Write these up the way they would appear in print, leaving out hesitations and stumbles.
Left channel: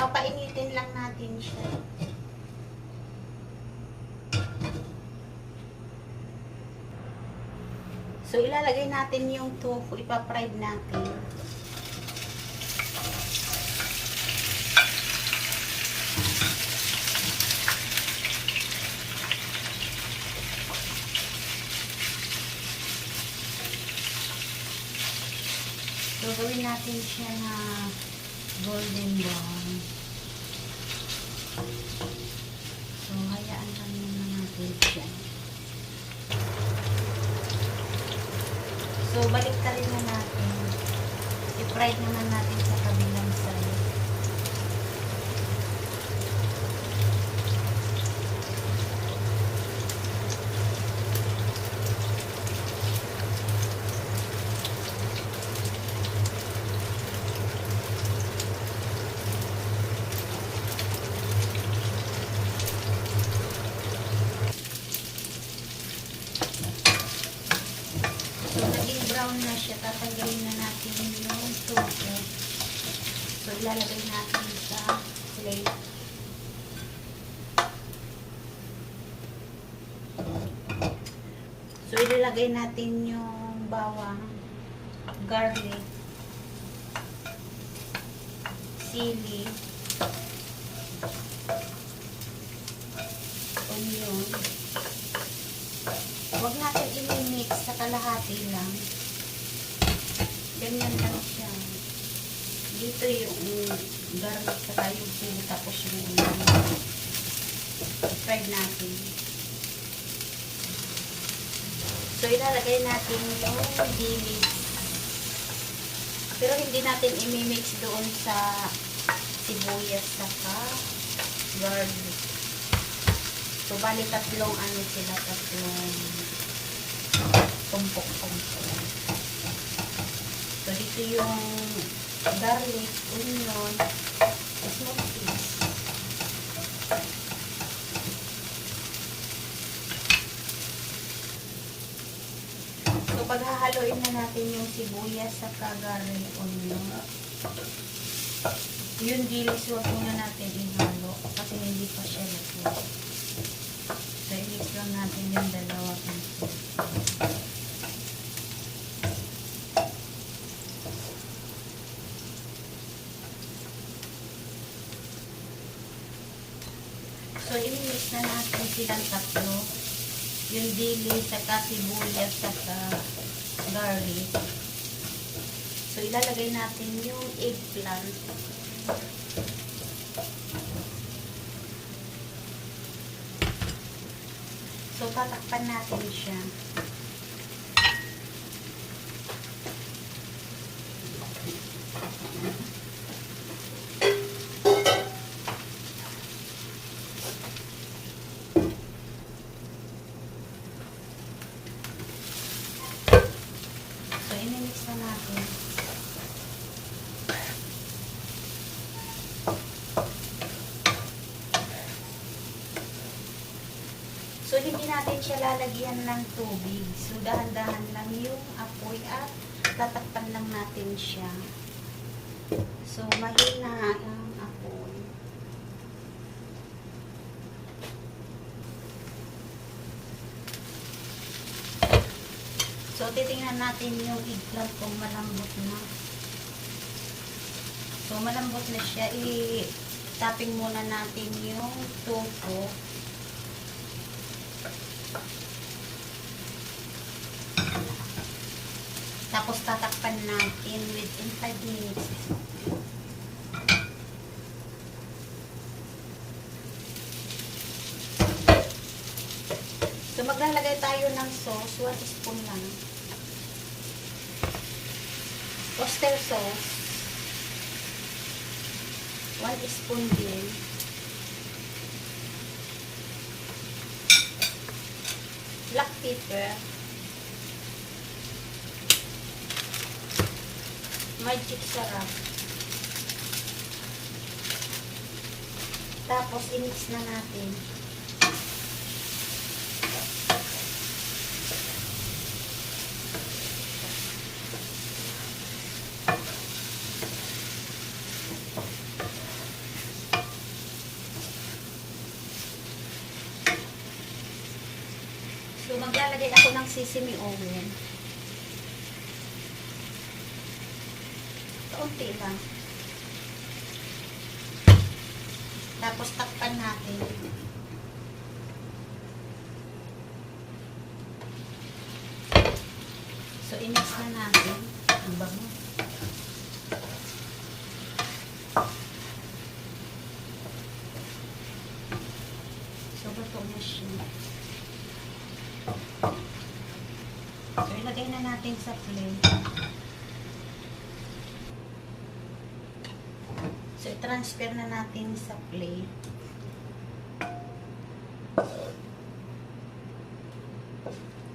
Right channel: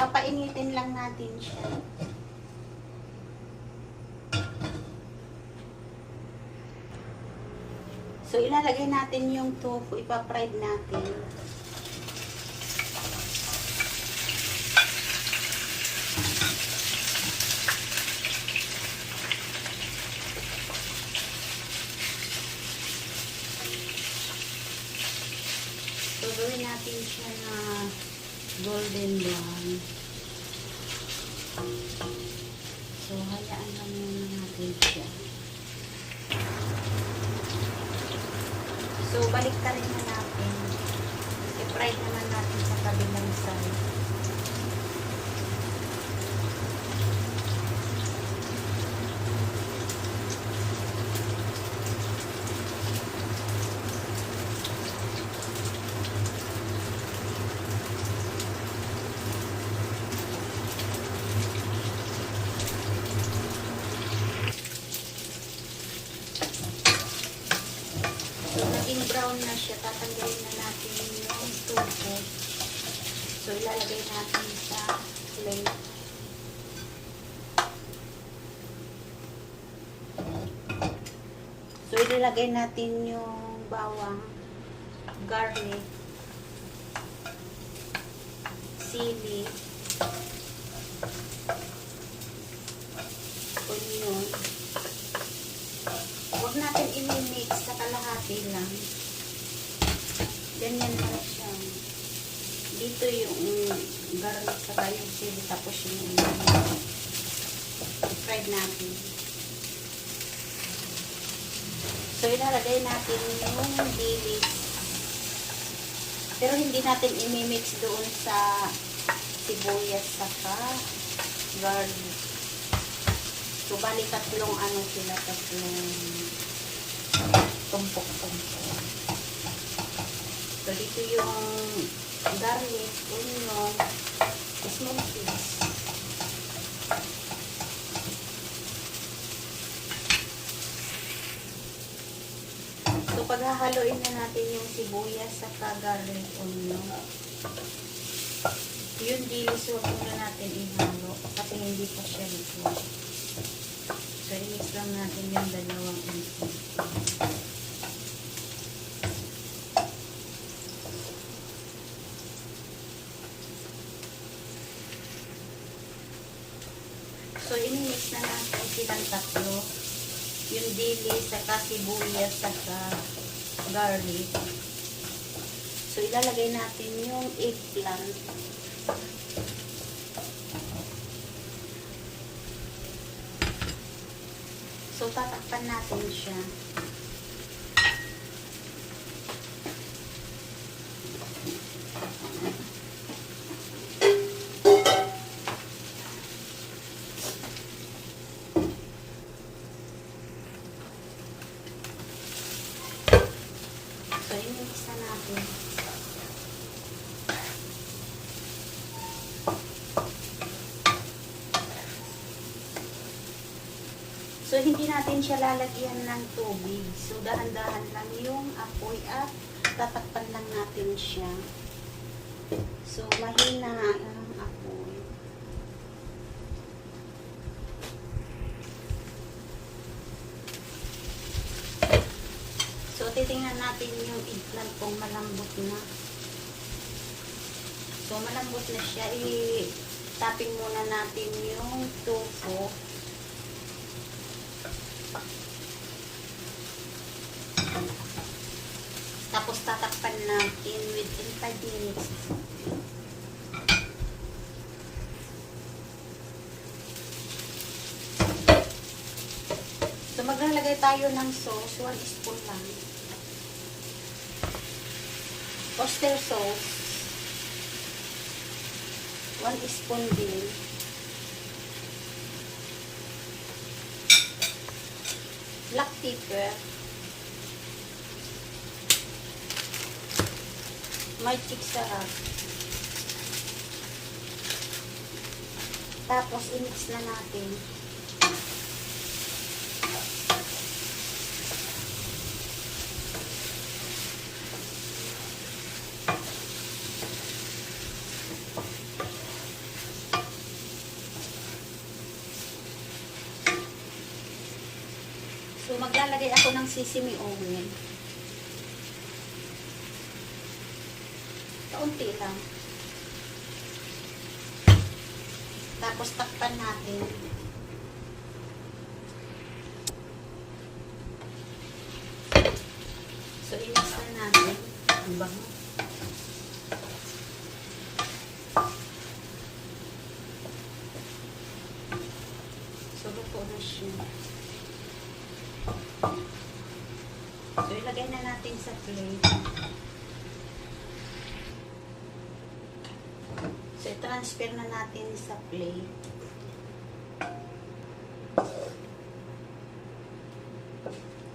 Papainitin lang natin siya. So, ilalagay natin yung tofu. Ipa-fried natin. So, gawin natin siya na golden brown. So, hayaan lang muna natin siya. So, balik ka rin na natin. I-fried naman natin sa kabilang side. Naging brown na siya, tatanggalin na natin yung tofu. So, ilalagay natin sa plate. So, ilalagay natin yung bawang, garlic, sili, onion. Huwag natin i-mix sa kalahati lang. Ganyan lang siya. Dito yung garlic sa yung sili, tapos yung fried natin. So, ilalagay natin yung dilis. Pero hindi natin i-mix doon sa sibuyas saka garlic. So, bali tatlong ano sila, tatlong tumpok-tumpok. So, dito yung garlic, onion, small piece. So, paghahaluin na natin yung sibuyas sa garlic, onion. Yung dilis, huwag muna natin ihalo kasi hindi pa siya luto. So, i-mix lang natin yung dalawang ito. So, i-mix na natin silang tatlo. Yung dilis, saka sibuyas, saka garlic. So, ilalagay natin yung eggplant. So, tatakpan natin siya. So, i-mix na natin. So, hindi natin siya lalagyan ng tubig. So, dahan-dahan lang yung apoy at tatakpan lang natin siya. So, mahina ang apoy. So, titingnan natin yung eggplant kung malambot na. So, malambot na siya. I-tapping muna natin yung tofu. Tapos tatakpan natin within 5 minutes. So, maglalagay tayo ng sauce. 1 spoon lang. Oyster sauce. 1 spoon din. Black pepper. Magic sarap. Tapos, i-mix na natin. sesame oil. Kaunti lang. Tapos takpan natin. So, i-mix na natin. Ang bango. So, luto na siya. So, ilagay na natin sa plate. So, i-transfer na natin sa plate.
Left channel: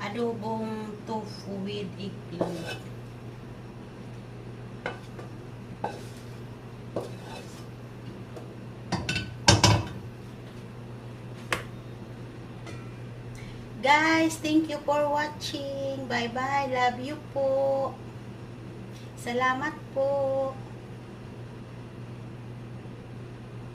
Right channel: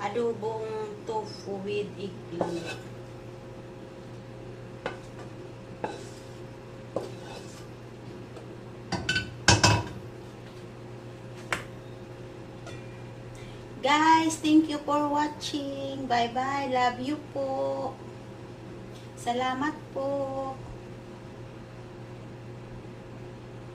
Adobong tofu with eggplant. Guys, thank you for watching. Bye-bye. Love you po. Salamat po.